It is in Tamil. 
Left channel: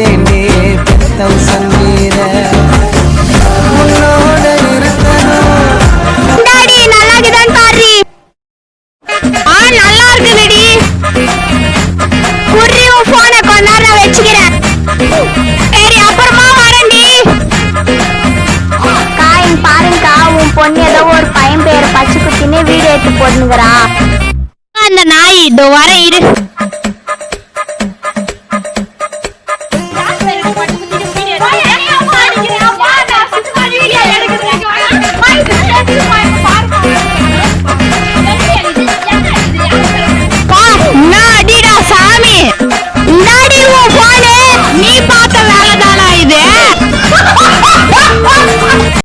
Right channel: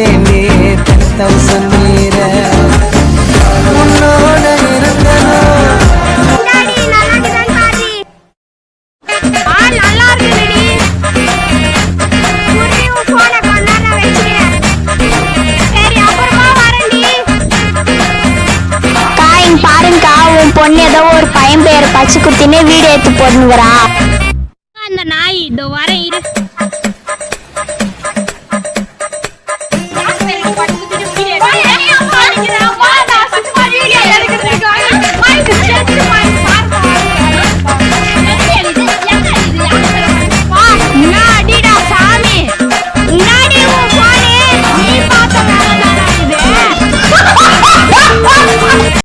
அடிச்சேனே 10,000 மீற உன்னோட இருந்தனும் பொண்ணு ஏதோ ஒரு பையன் பேர் பச்சை குத்தினே வீடியோ எடுத்து போட்டுங்கிறான். அந்த நாய் இதோ வர இரு.